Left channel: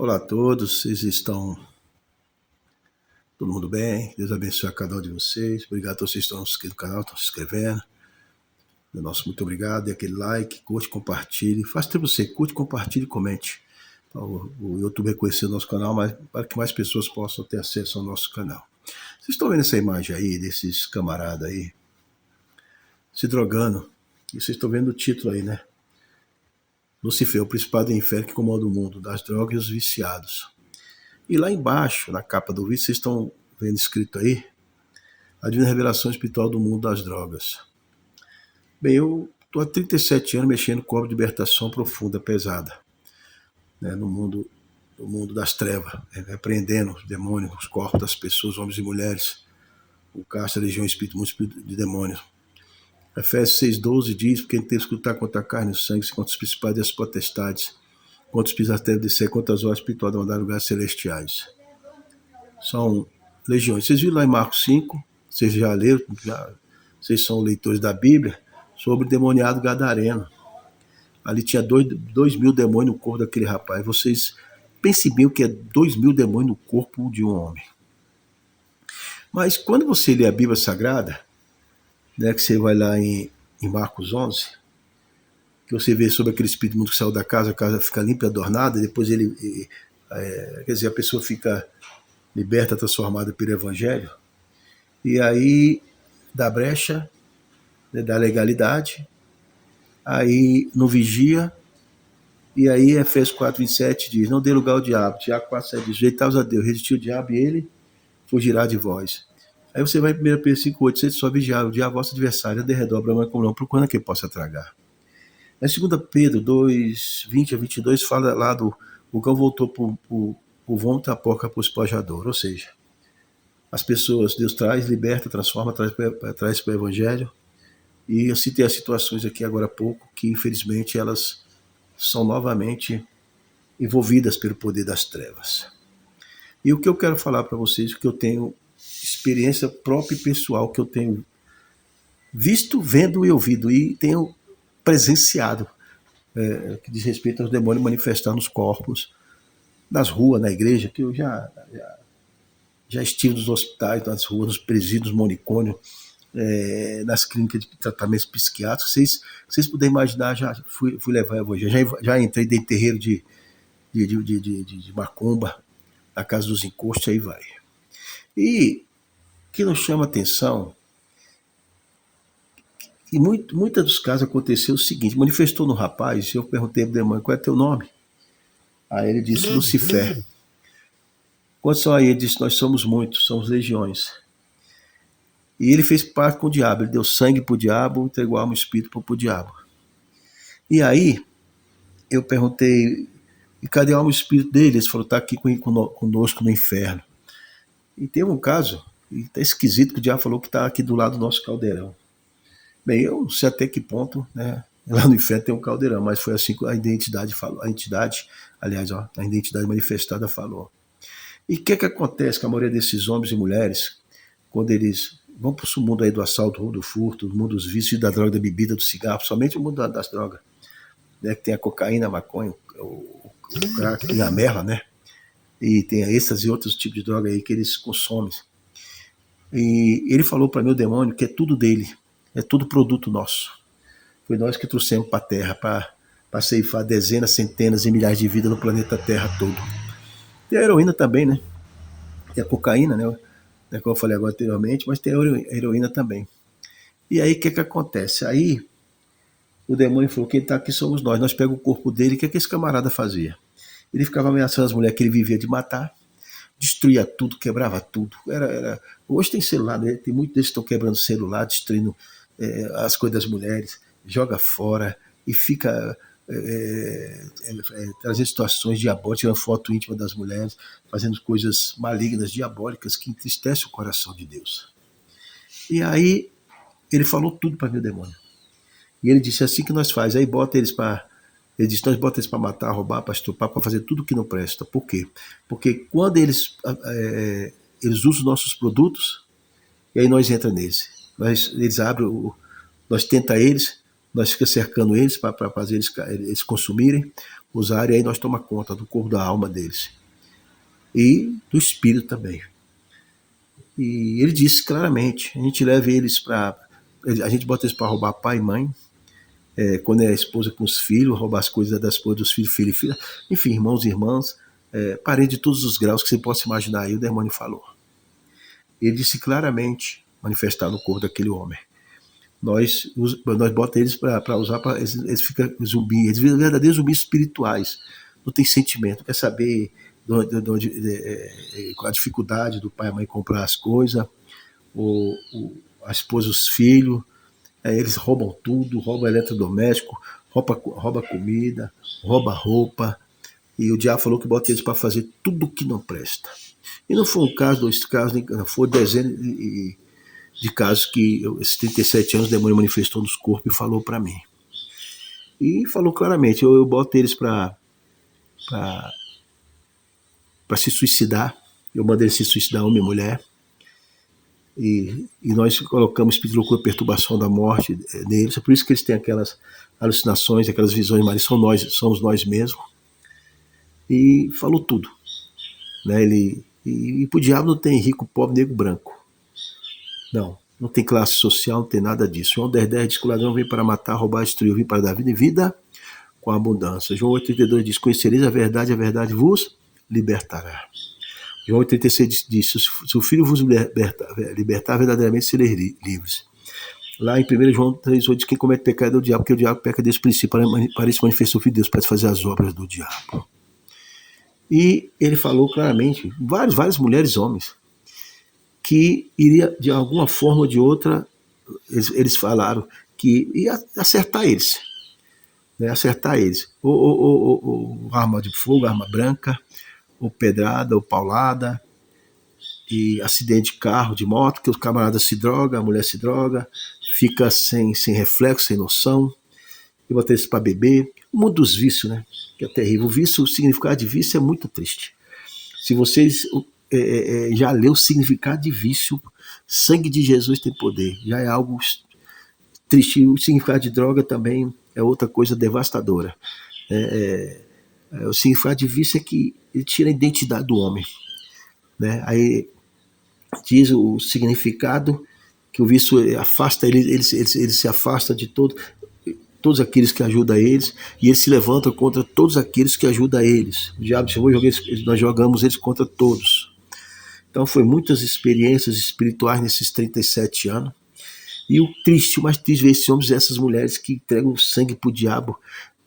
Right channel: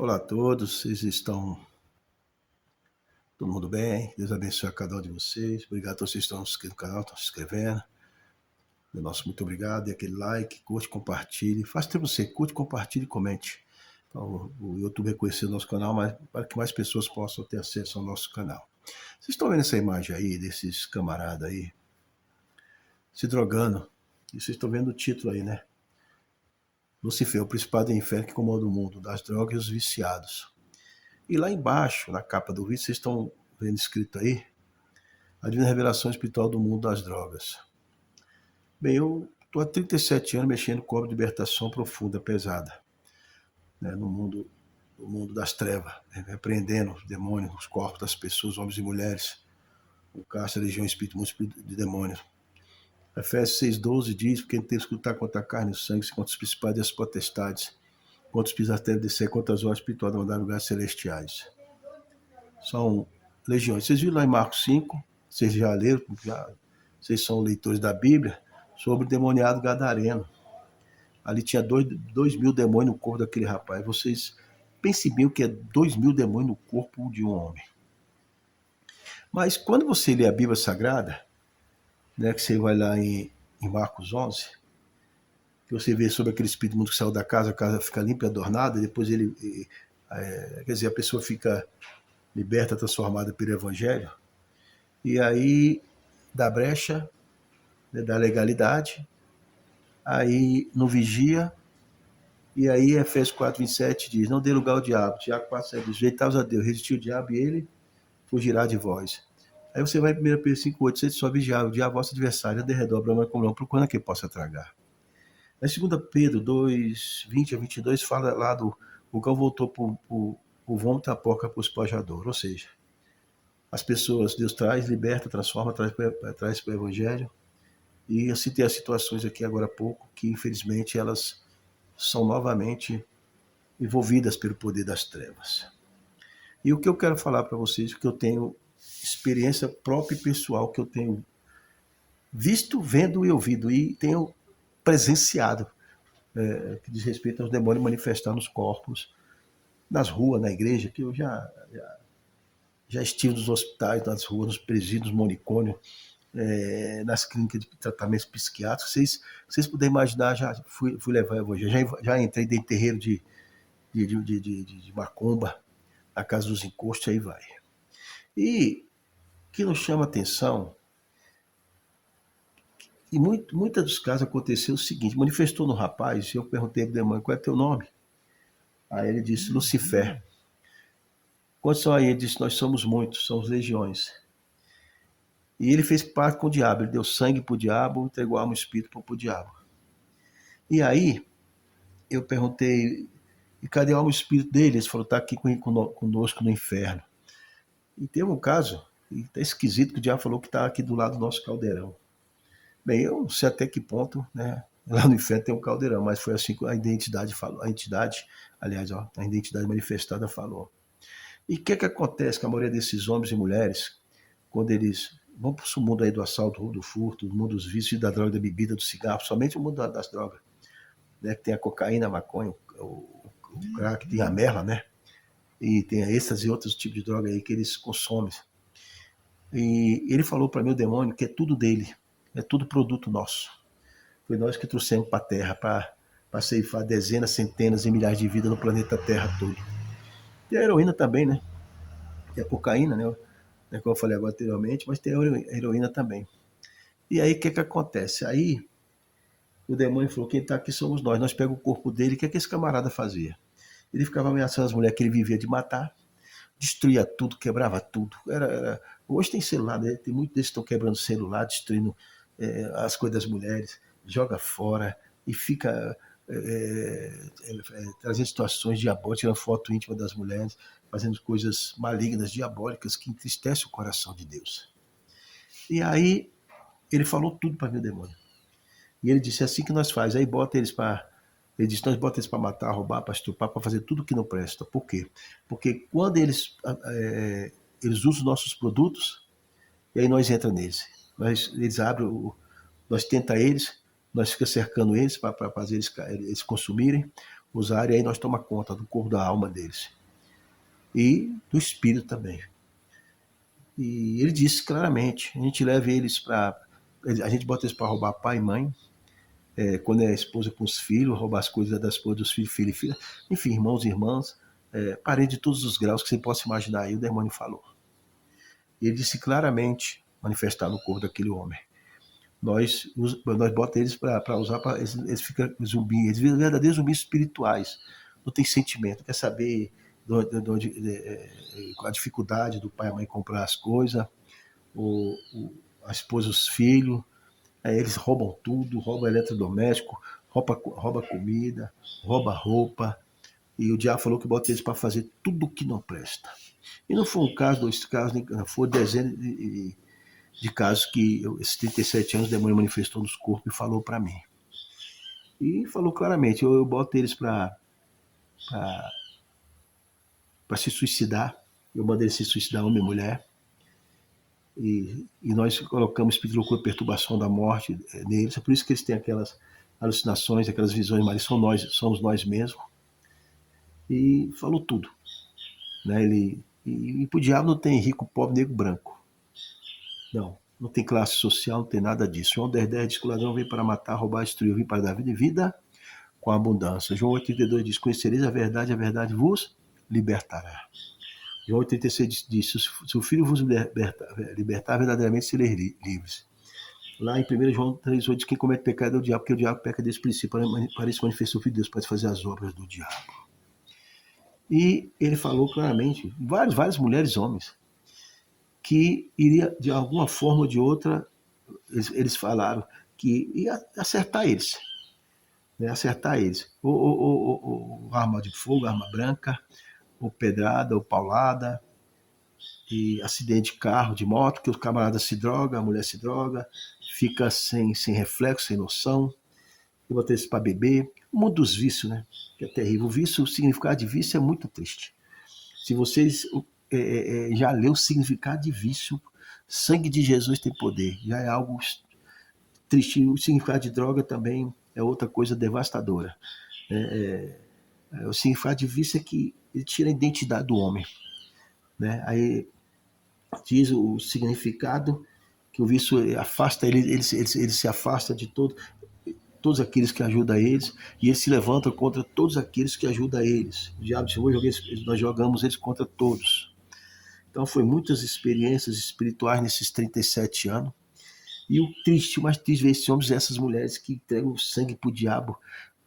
Olá a todos, vocês estão todo mundo bem? Deus abençoe a cada um de vocês. Obrigado a todos que estão inscritos no canal, estão se inscrevendo. Muito obrigado. Dê aquele like, curte, compartilhe. Faça para você, curte, compartilhe e comente. Para o YouTube reconhecer o nosso canal, mas para que mais pessoas possam ter acesso ao nosso canal. Vocês estão vendo essa imagem aí, desses camaradas aí, se drogando. E vocês estão vendo o título aí, né? Lucifer, o principado do inferno que comanda o mundo, das drogas e os viciados. E lá embaixo, na capa do vídeo, vocês estão vendo escrito aí, a divina revelação espiritual do mundo das drogas. Bem, eu estou há 37 anos mexendo com obra de libertação profunda, pesada, né, no mundo das trevas, repreendendo os demônios, os corpos das pessoas, homens e mulheres, o casto, a legião, espírito, mundo espírito de demônios. Efésios 6,12 diz, porque a gente tem que escutar contra a carne e o sangue, contra os principais e as potestades, contra os espíritos da terra de ser, contra as obras espirituais da maldade, lugares celestiais. São legiões. Vocês viram lá em Marcos 5, vocês já leram, vocês são leitores da Bíblia, sobre o demoniado gadareno. Ali tinha 2.000 demônios no corpo daquele rapaz. Vocês pensem bem o que é 2.000 demônios no corpo de um homem. Mas quando você lê a Bíblia Sagrada, né, que você vai lá em Marcos 11, que você vê sobre aquele espírito mundo que saiu da casa, a casa fica limpa e adornada, depois quer dizer, a pessoa fica liberta, transformada pelo Evangelho, e aí dá brecha, né, da legalidade, aí não vigia, e aí Efésios 4,27 diz, não dê lugar ao diabo. Tiago 4,7 diz, rejeitai-os a Deus, resistir o diabo e ele fugirá de vós. Aí você vai em 1 Pedro 5,8, você só vigiar o diabo, vosso adversário, de redor, brama com não, procurando que possa tragar. Na 2 Pedro 2,20 a 22 fala lá do o cão voltou por vômito, a porca por espojador, ou seja, as pessoas, Deus traz, liberta, transforma, traz para o Evangelho. E eu citei as situações aqui agora há pouco, que infelizmente elas são novamente envolvidas pelo poder das trevas. E o que eu quero falar para vocês, que eu tenho experiência própria e pessoal, que eu tenho visto, vendo e ouvido, e tenho presenciado, que diz respeito aos demônios manifestar nos corpos, nas ruas, na igreja, que eu já estive nos hospitais, nas ruas, nos presídios, manicômios, nas clínicas de tratamentos psiquiátricos. Vocês puderem imaginar, já fui levar a evangelho, já entrei dentro de terreiro de macumba, a casa dos encostos, aí vai. E o que nos chama a atenção, e muitos dos casos aconteceu o seguinte, manifestou no rapaz, eu perguntei pro demônio, qual é teu nome? Aí ele disse, Lucifer. Quantos são aí? Ele disse, nós somos muitos, somos legiões. E ele fez parte com o diabo, ele deu sangue pro diabo, entregou a alma e o espírito pro diabo. E aí, eu perguntei, e cadê a alma e o espírito dele? Ele falou, está aqui conosco no inferno. E tem um caso, e tá esquisito que o diabo falou que está aqui do lado do nosso caldeirão. Bem, eu não sei até que ponto, né? Lá no inferno tem um caldeirão, mas foi assim que a identidade falou. A identidade manifestada falou. E o que acontece com a maioria desses homens e mulheres, quando eles vão para o mundo aí do assalto, do furto, do mundo dos vícios, da droga, da bebida, do cigarro, somente o mundo das drogas, né? Que tem a cocaína, a maconha, o crack, tem a merla, né? E tem a êxtase e outros tipos de droga aí que eles consomem. E ele falou para mim, o demônio, que é tudo dele, é tudo produto nosso. Foi nós que trouxemos para a Terra, para ceifar dezenas, centenas e milhares de vidas no planeta Terra todo. Tem a heroína também, né? Tem a cocaína, né? Como eu falei agora anteriormente, mas tem a heroína também. E aí o que acontece? Aí o demônio falou, quem está aqui somos nós pegamos o corpo dele, o que esse camarada fazia? Ele ficava ameaçando as mulheres que ele vivia de matar, destruía tudo, quebrava tudo. Hoje tem celular, né? Tem muitos deles que estão quebrando celular, destruindo as coisas das mulheres, joga fora e fica trazendo situações diabólicas, tirando foto íntima das mulheres, fazendo coisas malignas, diabólicas, que entristecem o coração de Deus. E aí ele falou tudo para mim, o demônio. E ele disse, assim que nós faz, aí bota eles para... Ele disse, nós bota eles para matar, roubar, para estuprar, para fazer tudo que não presta. Por quê? Porque quando eles usam os nossos produtos, e aí nós entramos neles. Eles abrem, nós tenta eles, nós ficamos cercando eles para fazer eles consumirem. usarem, aí nós tomamos conta do corpo, da alma deles. E do espírito também. E ele disse claramente, a gente leva eles para... A gente bota eles para roubar pai e mãe, quando é a esposa com os filhos, roubar as coisas da esposa, dos filhos, filho e filha, enfim, irmãos e irmãs, parente de todos os graus que você possa imaginar aí, o demônio falou. Ele disse claramente, manifestar no corpo daquele homem. Nós botamos eles para usar, eles ficam zumbis, eles viram verdadeiros zumbis espirituais, não tem sentimento, quer saber a dificuldade do pai e a mãe comprar as coisas, a esposa, os filhos, aí eles roubam tudo, roubam eletrodoméstico, rouba comida, rouba roupa, e o diabo falou que bota eles para fazer tudo que não presta. E não foi um caso, 2 casos, foi dezenas de casos que esses 37 anos o demônio manifestou nos corpos e falou para mim. E falou claramente, eu boto eles para se suicidar, eu mandei eles se suicidar, homem e mulher, e nós colocamos espírito de loucura, perturbação da morte neles, é por isso que eles têm aquelas alucinações, aquelas visões, mas somos nós mesmos, e falou tudo, né? E pro diabo não tem rico, pobre, negro, branco, não tem classe social, não tem nada disso. João 10,10 diz que o ladrão veio para matar, roubar, destruir, veio para dar vida e vida com abundância. João 8,32 diz, conhecereis a verdade vos libertará. João 8,36 diz, se o Filho vos libertar, verdadeiramente sereis livres. Lá em 1 João 3,8 diz, quem comete pecado é o diabo, porque o diabo peca desde o princípio, para se manifestar o Filho de Deus, para fazer as obras do diabo. E ele falou claramente, várias mulheres e homens, que iria, de alguma forma ou de outra, eles falaram que ia acertar eles. Né, acertar eles. Ou arma de fogo, arma branca, ou pedrada, ou paulada, e acidente de carro, de moto, que o camarada se droga, a mulher se droga, fica sem reflexo, sem noção, e botar eles para beber. O mundo dos vícios, né? Que é terrível. O vício, o significado de vício é muito triste. Se vocês já leu o significado de vício, sangue de Jesus tem poder, já é algo triste. O significado de droga também é outra coisa devastadora. O significado de vício é que ele tira a identidade do homem, né? Aí diz o significado que o vício afasta ele se afasta de todos aqueles que ajudam eles, e ele se levanta contra todos aqueles que ajudam eles. O diabo disse, nós jogamos eles contra todos. Então foi muitas experiências espirituais nesses 37 anos. E o mais triste ver esses homens e essas mulheres que entregam sangue pro diabo,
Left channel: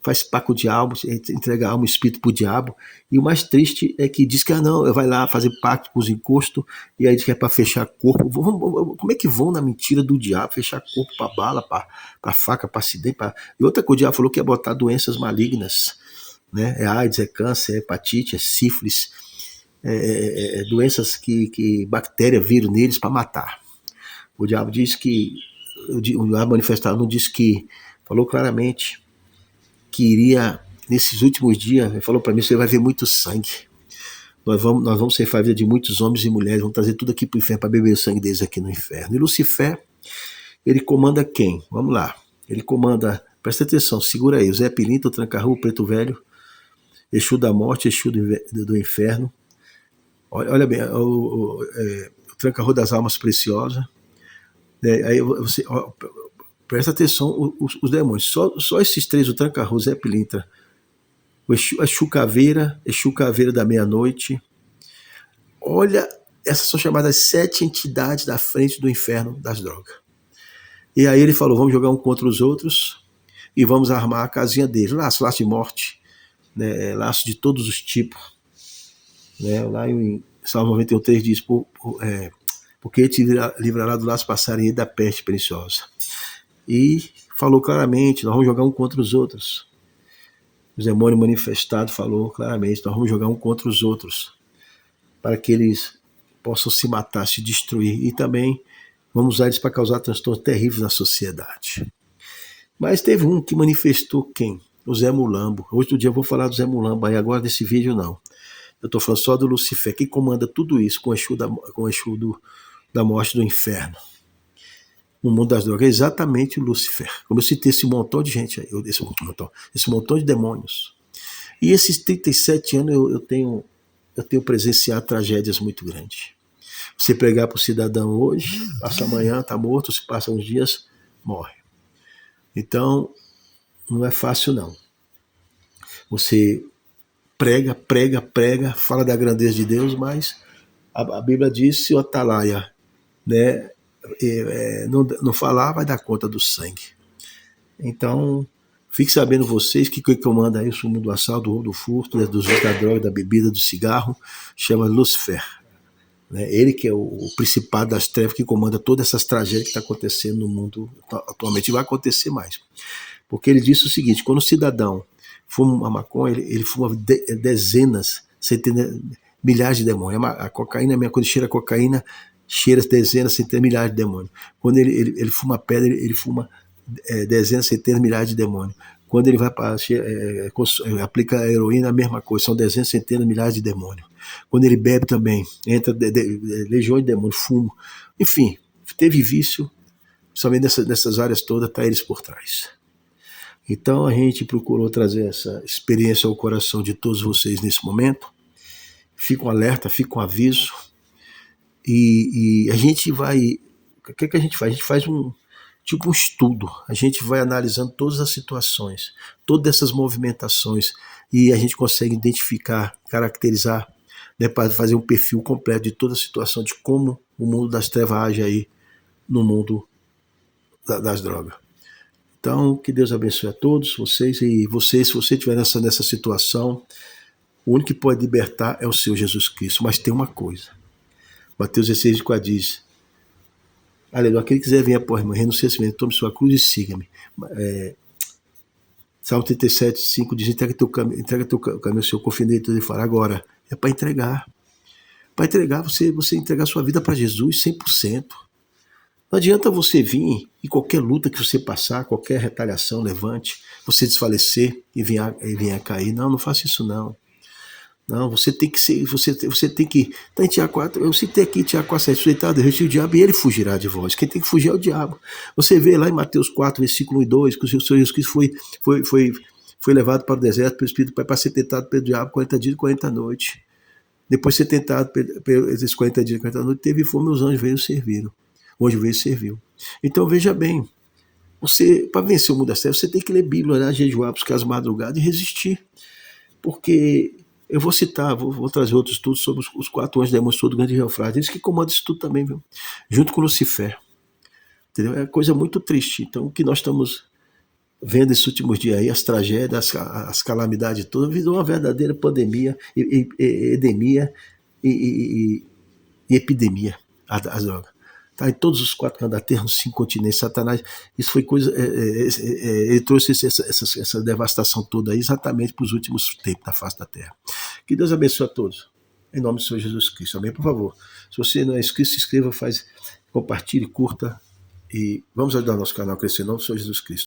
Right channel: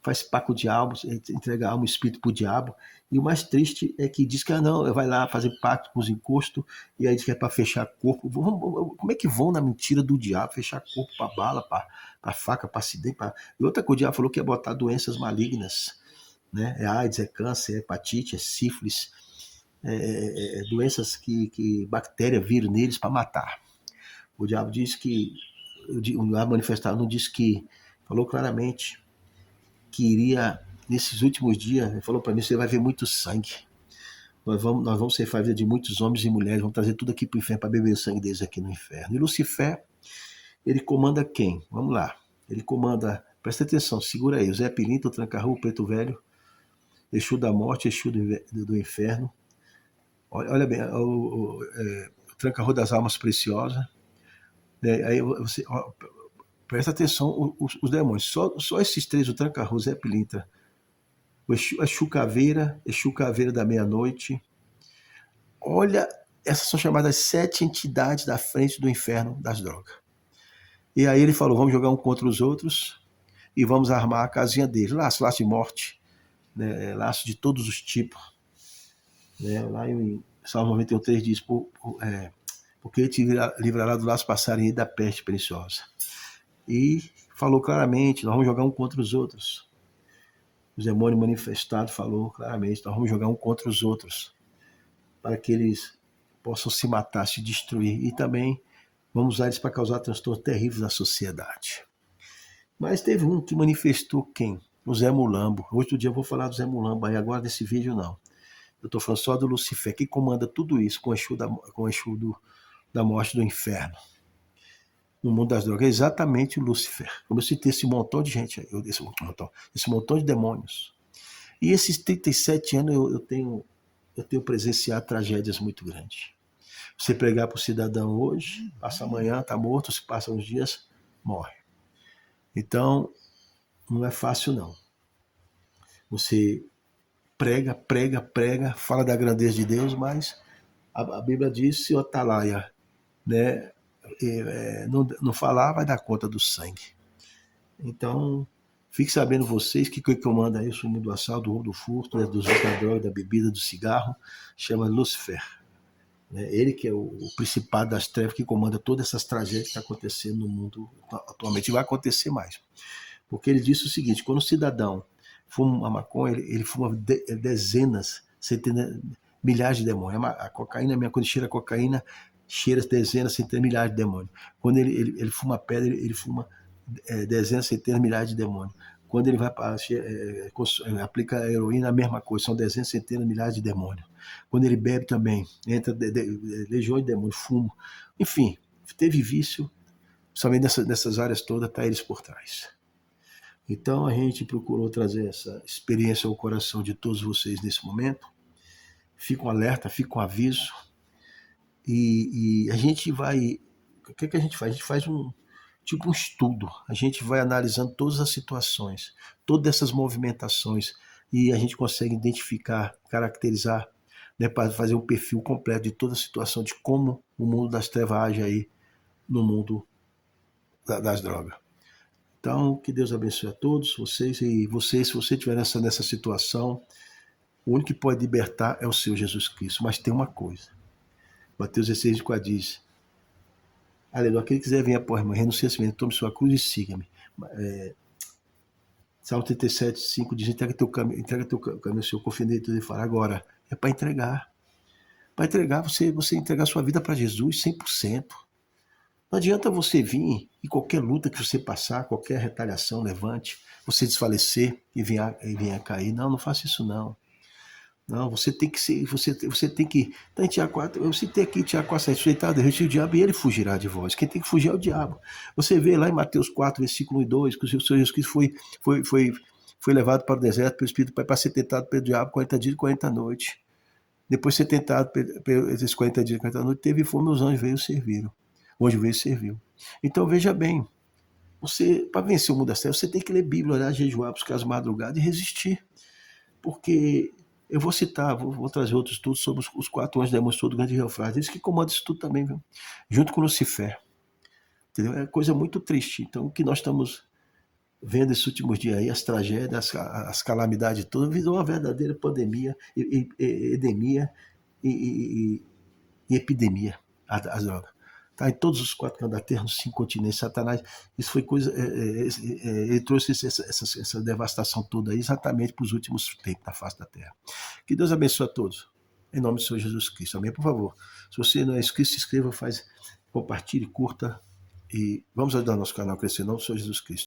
faz pacto com o diabo, entrega a alma e espírito pro diabo. E o mais triste é que diz que não, vai lá fazer pacto com os encostos, e aí diz que é para fechar corpo. Como é que vão na mentira do diabo, fechar corpo para bala, para faca, para acidente? E outra coisa, o diabo falou que ia botar doenças malignas, né? É AIDS, é câncer, é hepatite, é sífilis, doenças que bactéria, vírus neles para matar. O diabo diz que, o diabo manifestado não disse que, falou claramente que iria, nesses últimos dias, ele falou para mim, você vai ver muito sangue. Nós vamos ceifar a vida de muitos homens e mulheres, vamos trazer tudo aqui para o inferno, para beber o sangue deles aqui no inferno. E Lucifer, ele comanda quem? Vamos lá. Ele comanda, presta atenção, segura aí, o Zé Pilintra, o Tranca-Rua, o Preto Velho, Exu da morte, Exu do inferno. Olha bem, o Tranca-Rua das almas preciosas. Aí você... Presta atenção, os demônios. Só esses 3, o Tranca-Rua, o Zé Pilintra, o Exu Caveira da meia-noite. Olha, essas são chamadas 7 entidades da frente do inferno das drogas. E aí ele falou, vamos jogar um contra os outros e vamos armar a casinha deles. Laço de morte, né? Laço de todos os tipos. Né? Lá em Salmo 91,3 diz, porque ele te livrará do laço passarinho e da peste preciosa. E falou claramente, nós vamos jogar um contra os outros. O demônio manifestado falou claramente, nós vamos jogar um contra os outros, para que eles possam se matar, se destruir, e também vamos usar eles para causar transtornos terríveis na sociedade. Mas teve um que manifestou quem? O Zé Mulambo. Outro dia eu vou falar do Zé Mulambo, aí agora desse vídeo não. Eu estou falando só do Lucifer, quem comanda tudo isso com o Exu da morte do inferno. No mundo das drogas, é exatamente o Lucifer. Como eu citei esse montão de gente aí, esse montão de demônios. E esses 37 anos eu tenho presenciado tragédias muito grandes. Você pregar para o cidadão hoje, passa amanhã, está morto, se passa uns dias, morre. Então, não é fácil não. Você prega, prega, prega, fala da grandeza de Deus, mas a Bíblia diz, se o atalaia, né, não falar, vai dar conta do sangue. Então, fique sabendo vocês que quem comanda aí o mundo do assalto, do roubo, do furto, né, dos usos da droga, da bebida, do cigarro, chama Lúcifer. Né? Ele que é o principado das trevas que comanda todas essas tragédias que estão acontecendo no mundo atualmente, e vai acontecer mais. Porque ele disse o seguinte, quando o cidadão fuma uma maconha, ele fuma dezenas, centenas, milhares de demônios. A cocaína, quando cheira a cocaína, cheira dezenas, centenas, milhares de demônios. Quando ele fuma pedra, ele fuma dezenas, centenas, milhares de demônios. Quando ele vai para aplica a heroína, a mesma coisa, são dezenas, centenas, milhares de demônios. Quando ele bebe também, entra legiões de demônios, fumo. Enfim, teve vício, somente nessas áreas todas, está eles por trás. Então a gente procurou trazer essa experiência ao coração de todos vocês nesse momento. Fica um alerta, fica um aviso. E a gente vai... O que a gente faz? A gente faz um estudo. A gente vai analisando todas as situações, todas essas movimentações, e a gente consegue identificar, caracterizar, né, para fazer um perfil completo de toda a situação, de como o mundo das trevas age aí no mundo das drogas. Então, que Deus abençoe a todos vocês, e vocês, se você estiver nessa situação, o único que pode libertar é o Senhor Jesus Cristo. Mas tem uma coisa, Mateus 16:4 diz, aleluia, aquele que quiser vir após mim, renuncie a si mesmo, tome sua cruz e siga-me. Salmo 37:5 diz, entrega teu caminho ao Senhor, confia nele, ele fará. Agora, é para entregar. Para entregar, você entregar sua vida para Jesus 100%. Não adianta você vir e qualquer luta que você passar, qualquer retaliação levante, você desfalecer e venha a cair. Não faça isso não. Não, você tem que ser, você tem que. Tá em Tiago 4, eu citei aqui Tiago 4, sujeitado, resistir o diabo e ele fugirá de vós. Quem tem que fugir é o diabo. Você vê lá em Mateus 4, versículo 1 e 2, que o Senhor Jesus Cristo foi levado para o deserto pelo Espírito para ser tentado pelo diabo 40 dias e 40 noites. Depois de ser tentado pelos 40 dias e 40 noites, teve fome, os anjos veio e serviram. O anjo veio e serviu. Então veja bem, você, para vencer o mundo das trevas, você tem que ler Bíblia, orar, jejuar, buscar as madrugadas e resistir. Porque eu vou citar, vou trazer outros estudos sobre os 4 anjos demônios do grande rio Eufrates, eles que comandam isso tudo também, viu? Junto com Lucifer. Entendeu? É coisa muito triste. Então, o que nós estamos vendo esses últimos dias aí, as tragédias, as calamidades todas, virou uma verdadeira pandemia, endemia e epidemia, as drogas. Tá, em todos os 4 cantos da terra, nos 5 continentes, Satanás, isso foi coisa, ele trouxe essa devastação toda aí exatamente para os últimos tempos da face da terra. Que Deus abençoe a todos, em nome do Senhor Jesus Cristo, amém? Por favor, se você não é inscrito, se inscreva, compartilhe, curta, e vamos ajudar o nosso canal a crescer, em nome do Senhor Jesus Cristo.